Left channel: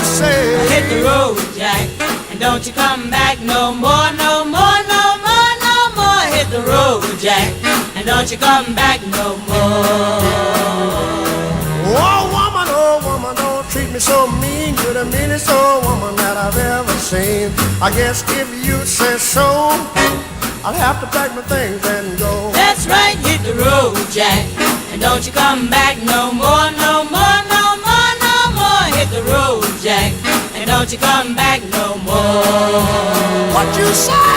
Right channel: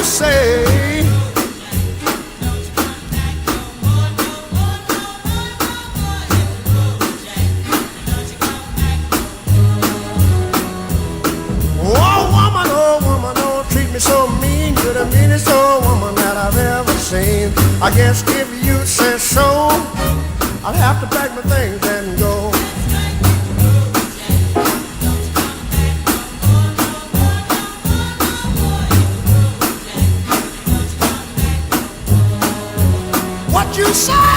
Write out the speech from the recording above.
you say? Hit the road, Jack, and don't you come back no more, no more, no more, no more. Hit the road, Jack, and don't you come back no more. Oh woman, don't treat me so mean. You're the meanest old woman that I've ever seen. I guess if you say so, I'll have to pack my things and go. That's right, hit the road, Jack, and don't you come back no more, no more, no more, no more. Hit the road, Jack, and don't you come back no more. What you say?